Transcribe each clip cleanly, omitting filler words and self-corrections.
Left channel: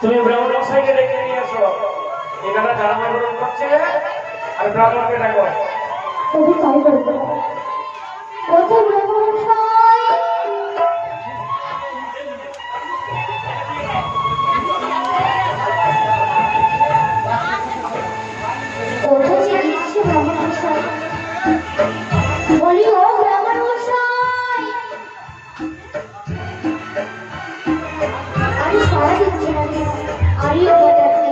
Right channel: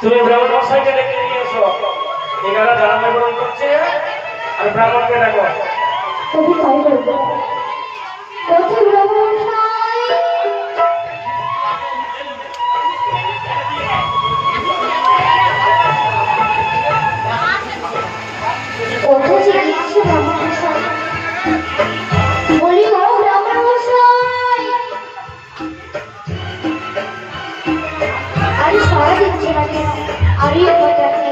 তুমি ব্রাহ্মণ মশাইকে ডেকে নিয়ে এসো। এখানে জানানো গ্রহণ করছে আর ব্রাহ্মণকে ডাকো। তুমি তাই করবে। কোথায় ব্রাহ্মণ মশাই? কোথায় যে দিচ্ছে ব্রাহ্মণ মশাই? বলি ও ব্রাহ্মণ মশাই, আরে সারা দিচ্ছে না কেন? আরে ও দেখে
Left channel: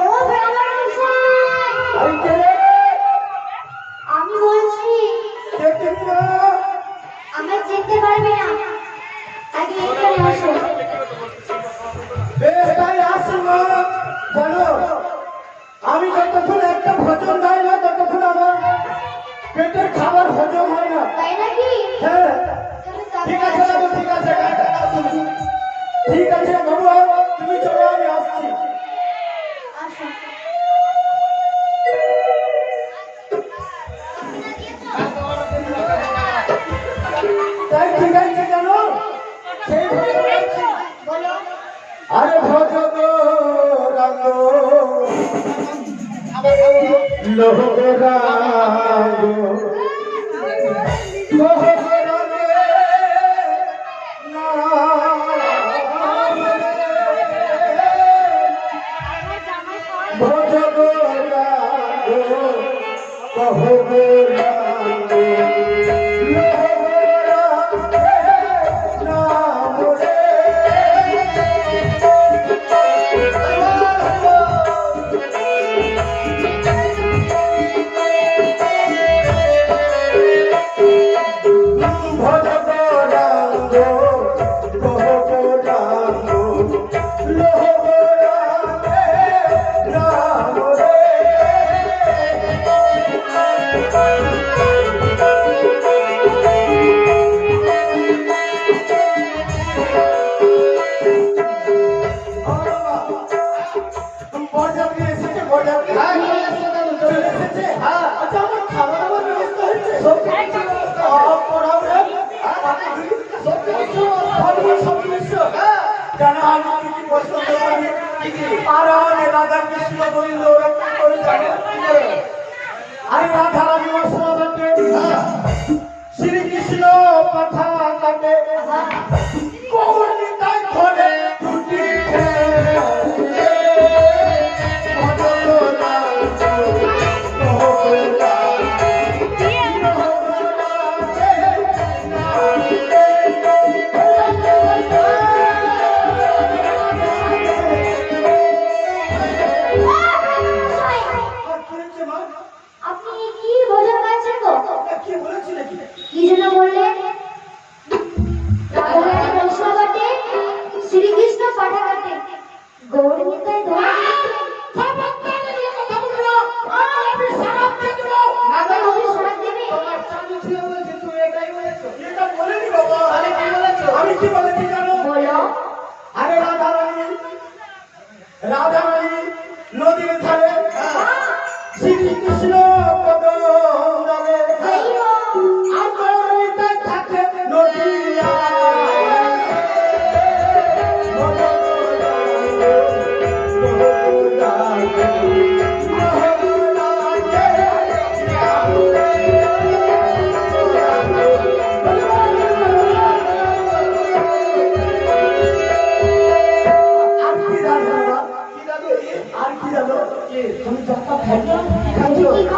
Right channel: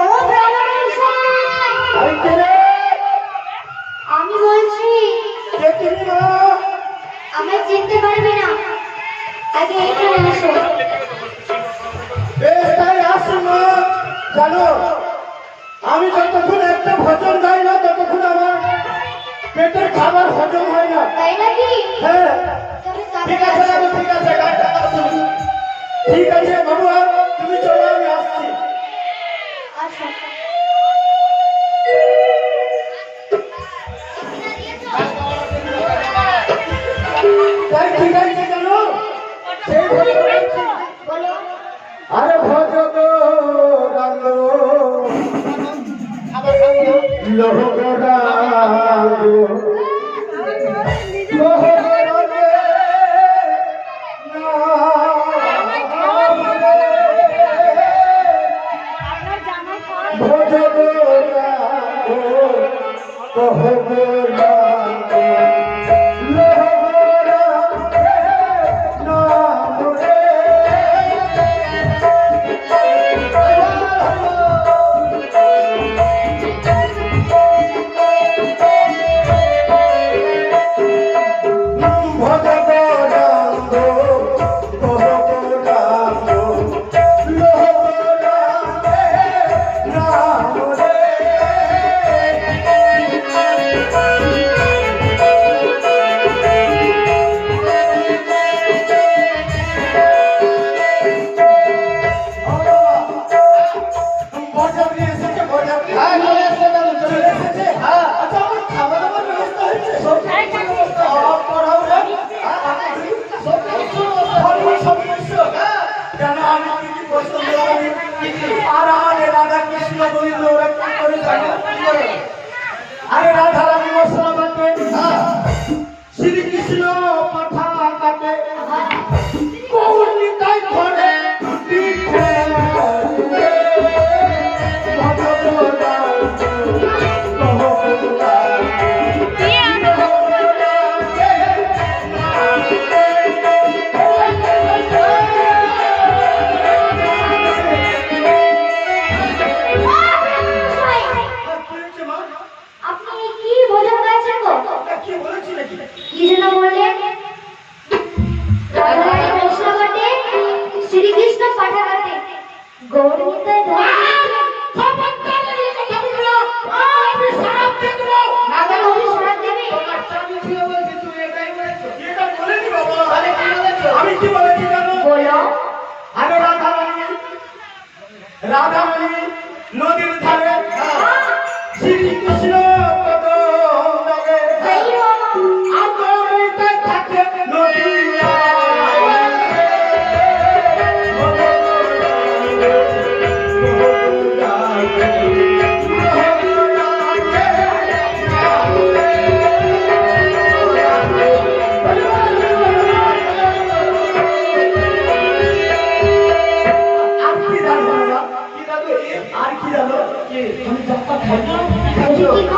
ও ব্রাহ্মণ মশাই, আমি বলছি আমায় চিনতে পারবে না, আগে এখানে আসো। জানো আমি যতক্ষণ একটা ভোজন খাই না ততক্ষণ আমার পেটের খাবার হজম হয় না। তাই নাকি? হ্যাঁ তবে ঠিক আছে বাবু, ঠিক আছে গানটা গাও তুমি। ঠিক আছে বাবু, তুমি চলো আমি আসছি। আসো। তাই ঠিক আছে জানো সেই ভোজন খাচ্ছি। বলো। আরে ভোজন লোহরা আরে রাধা রানী মশলা বাটে, শ্রীকৃষ্ণ পাঠা কাটে, গৌরীতাই ধরে টুটি আপনি কি বোঝা পাচ্ছেন গো? কি বলেছি নাকি? কি যেন বললেন? রাধারানী মশলা বাটে, শ্রীকৃষ্ণ পাঠা কাটে, গৌরীতাই ধরে আমি কি বলেছি জানো? বলো। আরে রাধা রানী নদীর ধারে শ্রীকৃষ্ণ পদে আদরিতে থাকে নদিয়া আর কি জানো? তুমি যাত্রা খাই না?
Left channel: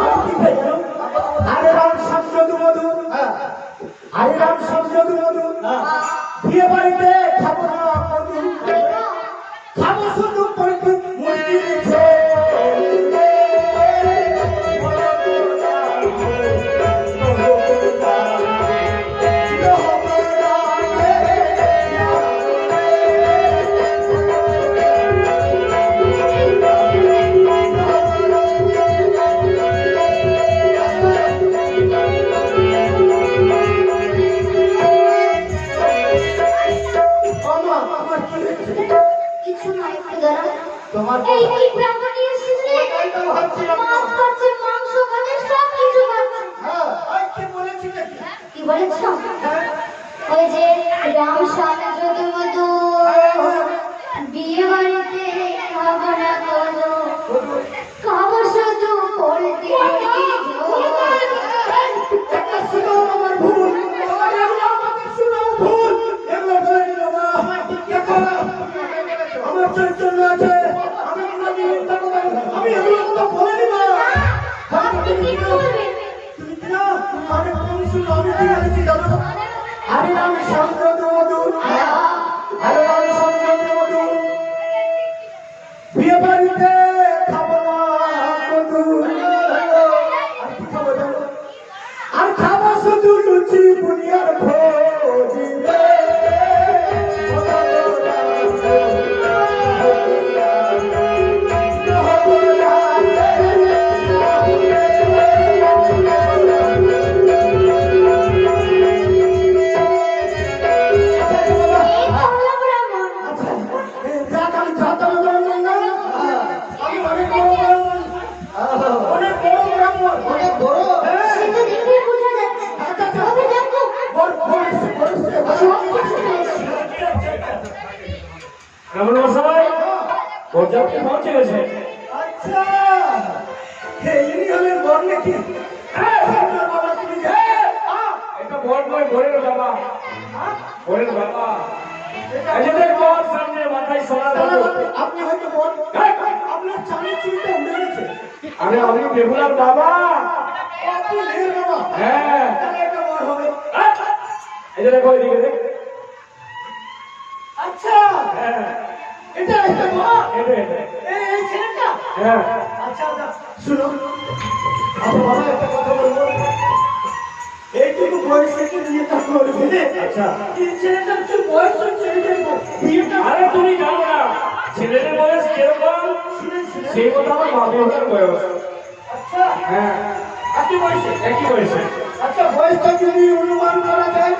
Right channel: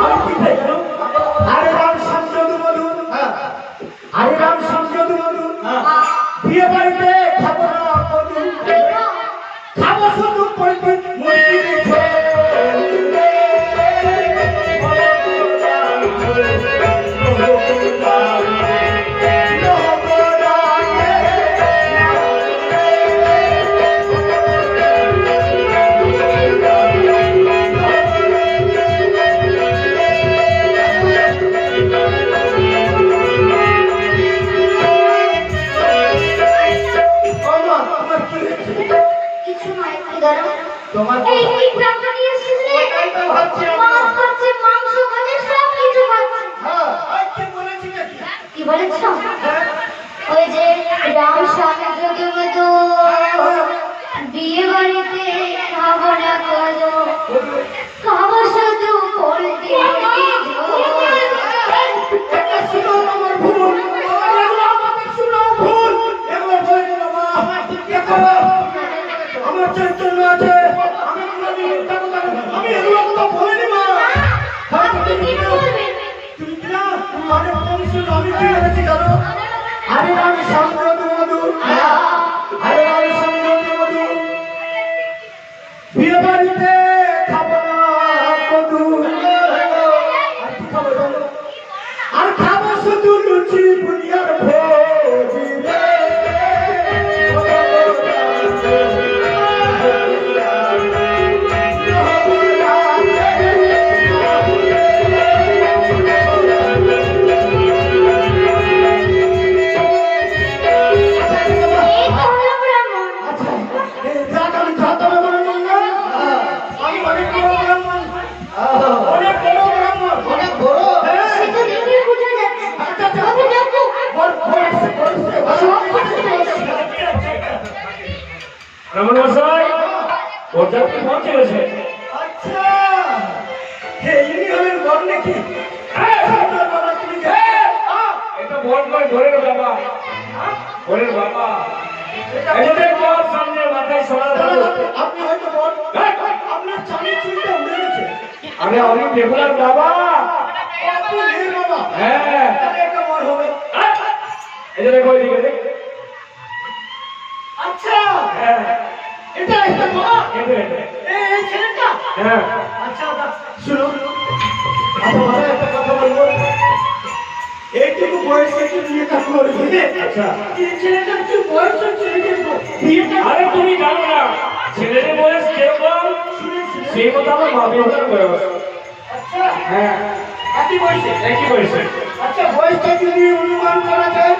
আর কি খাই জানো? আরে রাম সংযত মধু, আরে রাম সংযত মধু, বিয়ে বাড়িতে খাবো না মধু, খাবো শুধু পল্টু মন্দিরে কিছু নয়, দাঁড়াও। তোমার এই কি ব্রাহ্মণ নিয়ে এসেছিলে? এটাই তো ভাবছি আমি। মাছ খাচ্ছে, মাংস খাচ্ছে, সব কিছু খাচ্ছে। হ্যাঁ আর কি বলেছি নাকি? কি বলেছ? ওই যে রাম সংযত মধু, বিয়ে বাড়িতে চৈতন্য আছে আমি কোনোদিন মিথ্যা কথা আমি এগুলো কথা বলিনি মা আপনি কি বলবেন? তুমি কি না আরে মনুষ্য আমি কি করেছি জানো আরে রাম সম্প্রদ মধুর আরে রাম সম্প্রদ মধুর বিয়ে বাড়িতে খাবো না মধুর আর কি খাবো জানো? আর খাবো শুধু লুচি বুনিয়ার ভোজ রে। এই তো হলো ব্রাহ্মণ। আচ্ছা, এই যাক আমি খাতাবে ব্রাহ্মণ না? আমি অনেক বড় ব্রাহ্মণ। অনেক বড় ব্রাহ্মণ। অনেক বড়? হ্যাঁ। সে তো দেখেই বোঝা যাচ্ছে। তবে দেখো, ব্রাহ্মণ মশাই পর্যাপ্ত পৌঁছে গেছে। আচ্ছা, ইনি হলেন বর নাকি? আপনার বাবা তুমি এটা বড় নয়, ঘরের বাবা, ঘরের বাবা। এই যে বর সামনে মাথায় সোনা দাও। আপনি হয়তো বর আপনার চালের চুলটা উড়ে গেছে আরে আমি বেহুলার বাবা। আপনি এর বাবা হ্যাঁ, তাহলে এটা বর হবে এই যে দেখো এদিকে দেখ। আচ্ছা হ্যাঁ, এটা একটা বর এটা, এটা। এই ছেলেটা হ্যাঁ, আচ্ছা শুনো আচ্ছা বাবা একটা কথা বলবো এইটুকু বয়সে কি বিয়েটা করবে আচ্ছা। এই ছেলেটার কি বয়স হচ্ছে বিয়েটা আরে তুমি জানো না ছেলের বয়স যেরকম সেই কথা আমার মা বিয়ে করে বসে। আচ্ছা হ্যাঁ, একই বয়সে একই বয়সে। আচ্ছা বয়সটা যদি অনুমান করা যায়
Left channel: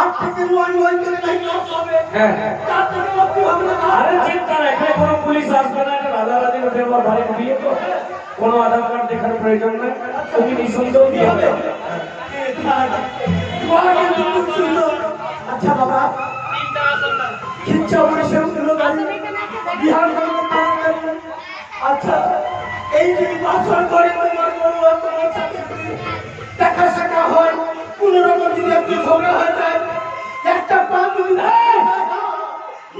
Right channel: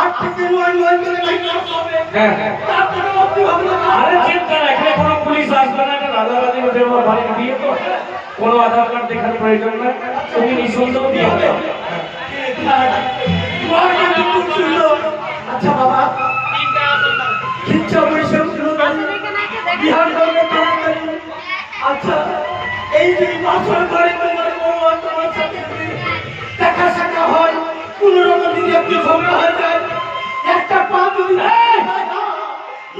8 থেকে 9 বছর ধরে নাই ক্লাস হবে হ্যাঁ, হ্যাঁ। তারপরে আপনি ভাবনা আরে চিন্তা না, এখানে কোনো পুলিশ আসবে না, একটা রাজারাজি হতে আমার বাড়ির বিয়ে তো কোনো আধার কার্ড দেখার প্রয়োজন না, তুমি নিঃসন্দেহ বিয়ে হবে। খুব সুন্দর আচ্ছা বাবা ইচ্ছা বয়সে উঠলো বিহার করবে তাড়াতাড়ি আচ্ছা এই যে বাসর করে তোমার বৌমা তোমার সাথে দেখা সাক্ষা হয় কোনো রকম যদি একটু ঝগড়া হয়ে যায় একটা পা যদি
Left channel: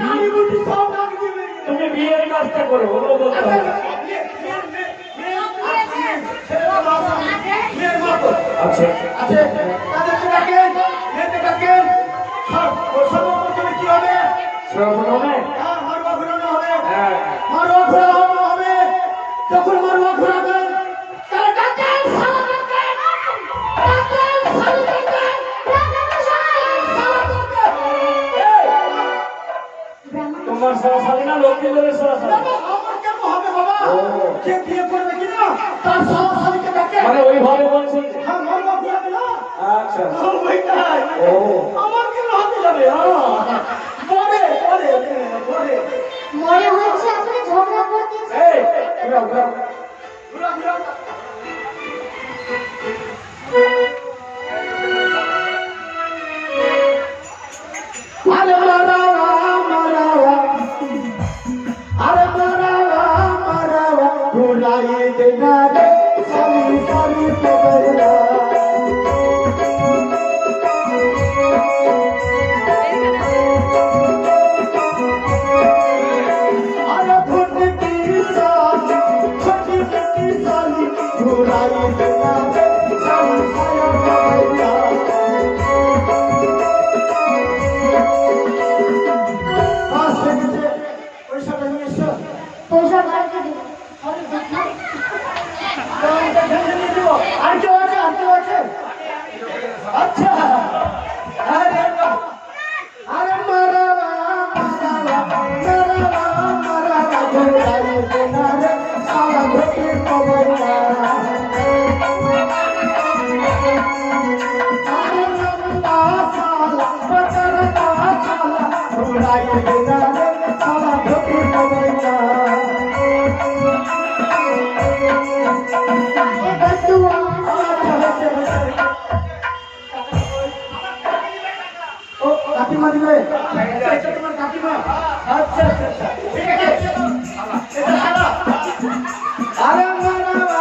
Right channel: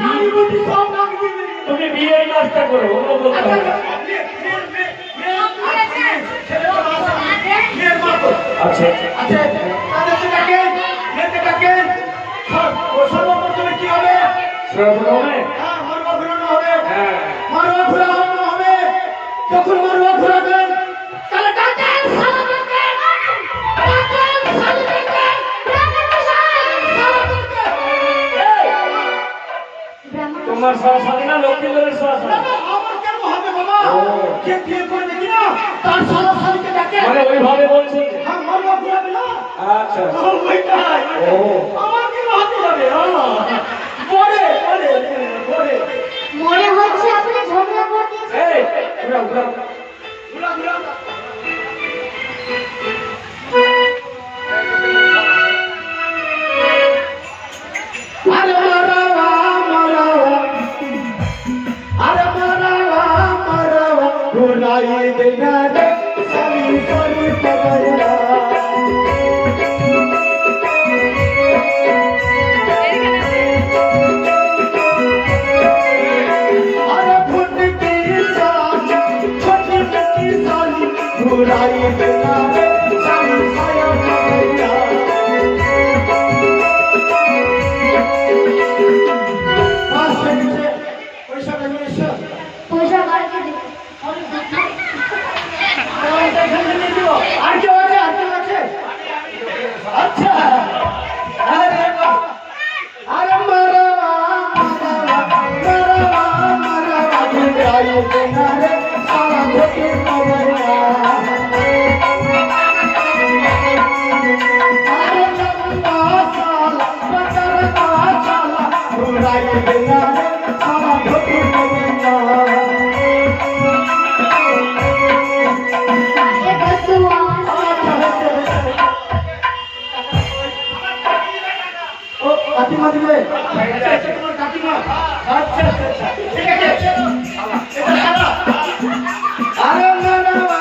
নানি বুটি সব নাক দিয়ে বেরিয়ে তুমি বিয়ের কাজটা করো, ওগুলো বলতে হবে না। আচ্ছা, সর্বপ্রথমে কি হবে সর্বপ্রথমে মারোয়া ঘুরানো হবে হ্যাঁ, মারোয়া ঘুরানো হবে যখন মারোয়া ঘুরাবেন তাহলে ডাকেন সালাম ডাকেন। ডাকেন সালাম ডাকেন। ব্রাহ্মণ মশাই, সালাম ডাকেন। ব্রাহ্মণ তোমার সরাসরি না লক্ষ্মীদের সরাসরি, আমার কেন হবে বাবা ও। যে বিয়ে করবে কিনা তার সরাসরিকে ডাকে মানে ওইভাবে বলছেন। মারোয়া ঘুরাবে না আচ্ছা, ওইটাই ও। আমার কেন হাতে যাবে পরে পরে পরে মনে হচ্ছে আপনি ঝগড়া করতেছেন। এই ঘুরাও, ঘুরাও। ঘুরা ঘুরা আরে মারাওয়া মারাওয়া আরে মারাওয়া মারাওয়া ঘুরাই দেনা রে সারি সারি পবইয়া আরে ফুটি কি সালি ছোটি ছোটি সালি ঘুরাই দেনা রে সারি সায়া পবইয়া পয়সা কাটকে দেব। আর কেউ আছে আর কেউ আছে আচ্ছা আরে আরে মারাওয়া মারাওয়া মারাওয়া ঘুরাই দেনা রে সারা ঘটি কবরয়া আরে লম্বা সালা পতরতা সালা ঘুরাই দেনা রে সারা ঘটি কবরয়া এ বসুয়া ও কাকিমা দিলে কাকিমা আচ্ছা আচ্ছা ঠিক আছে এটা সারা আরে মারাওয়া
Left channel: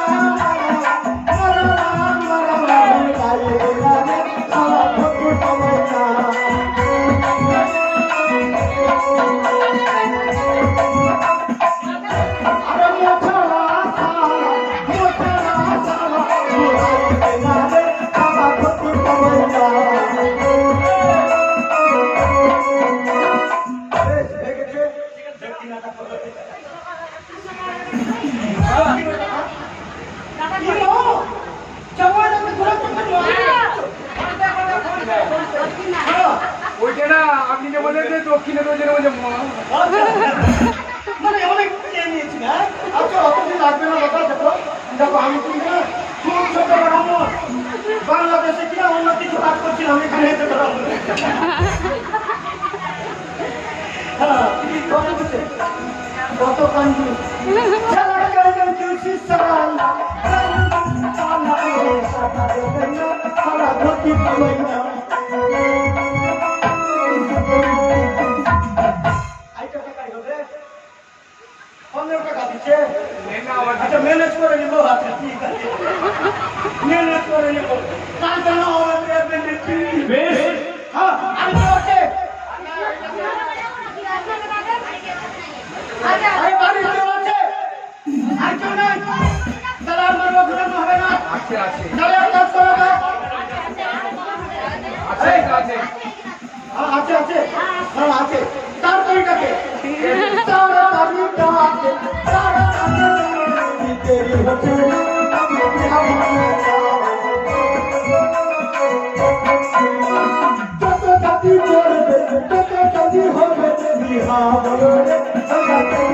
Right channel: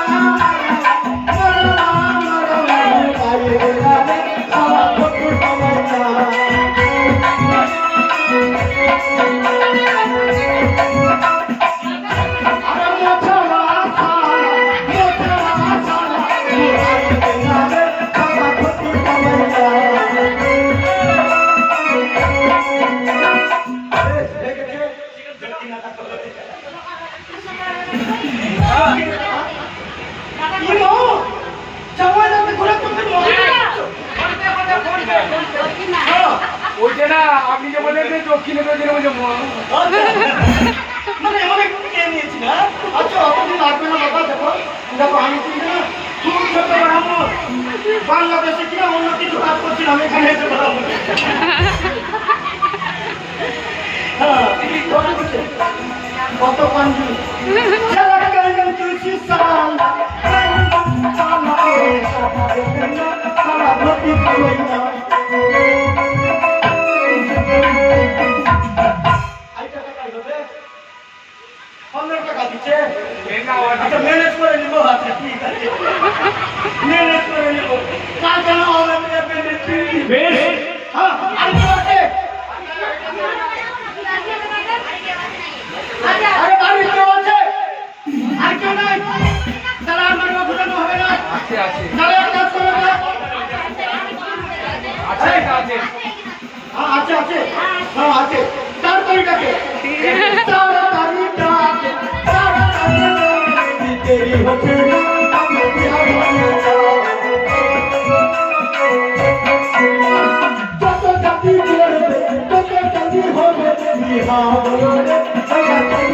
মারাওয়া মারাওয়া ঘুরাই দেনা রে সারা ঘটি কবরয়া ওইটা না আপনি যে বললেন যে দক্ষিণে দক্ষিণে বলছে মানে অনেক খেয়ে নিয়েছি না আচ্ছা অতদিন লাগবে না বাবা দেখো দেখো আমি কিন্তু না খুব ছোট ব্রাহ্মণ বাংলাদেশে কিনা অন্য কিছু কাজ করছিলাম এখানে এসে ব্রাহ্মণ হ্যাঁ কত কিছু কত কঞ্জু সারা কঞ্জু সারা সারা ভর্তি কইনা আচ্ছা ম্যানেজ করে নিবো আচ্ছা ঠিক আছে ম্যানেজ করে নিবো কাল কেন আমরা বেশ হ্যাঁ আর কি আছে আরে বাড়ি কেউ আছে আর কেউ নাই তাহলে আমার ঘুরানো হবে না আছে আছে তাহলে এক কাজ করো না আছে আছে হ্যাঁ আছে আছে হ্যাঁ আছে তাড়াতাড়িটাকে তাড়াতাড়িটাকে তাড়াতাড়ি তেরি হচ্ছে যত জাতি করবে তত জাতি হবে বিহা বলে তাড়াতাড়ি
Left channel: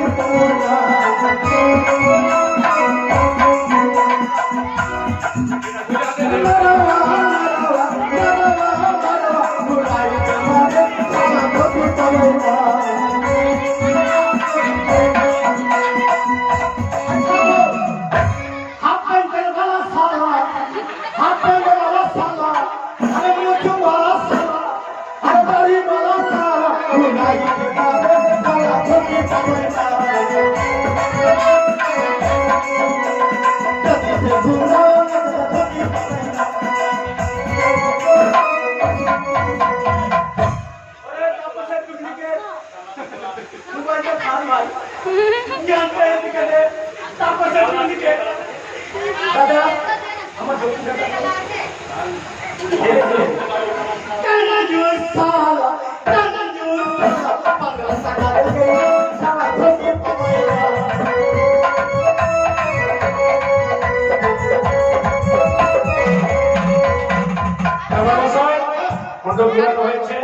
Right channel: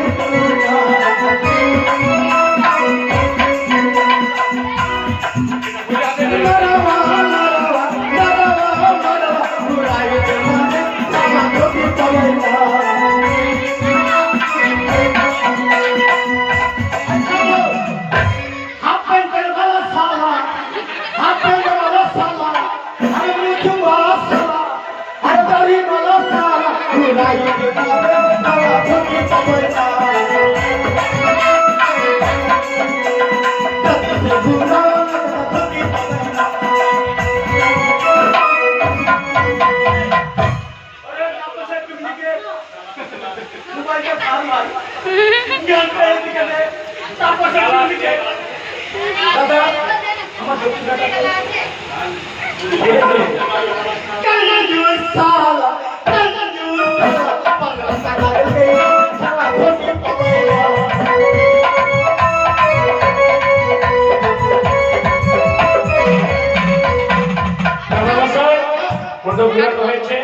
হয়েছে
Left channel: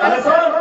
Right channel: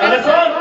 তাহলে শোন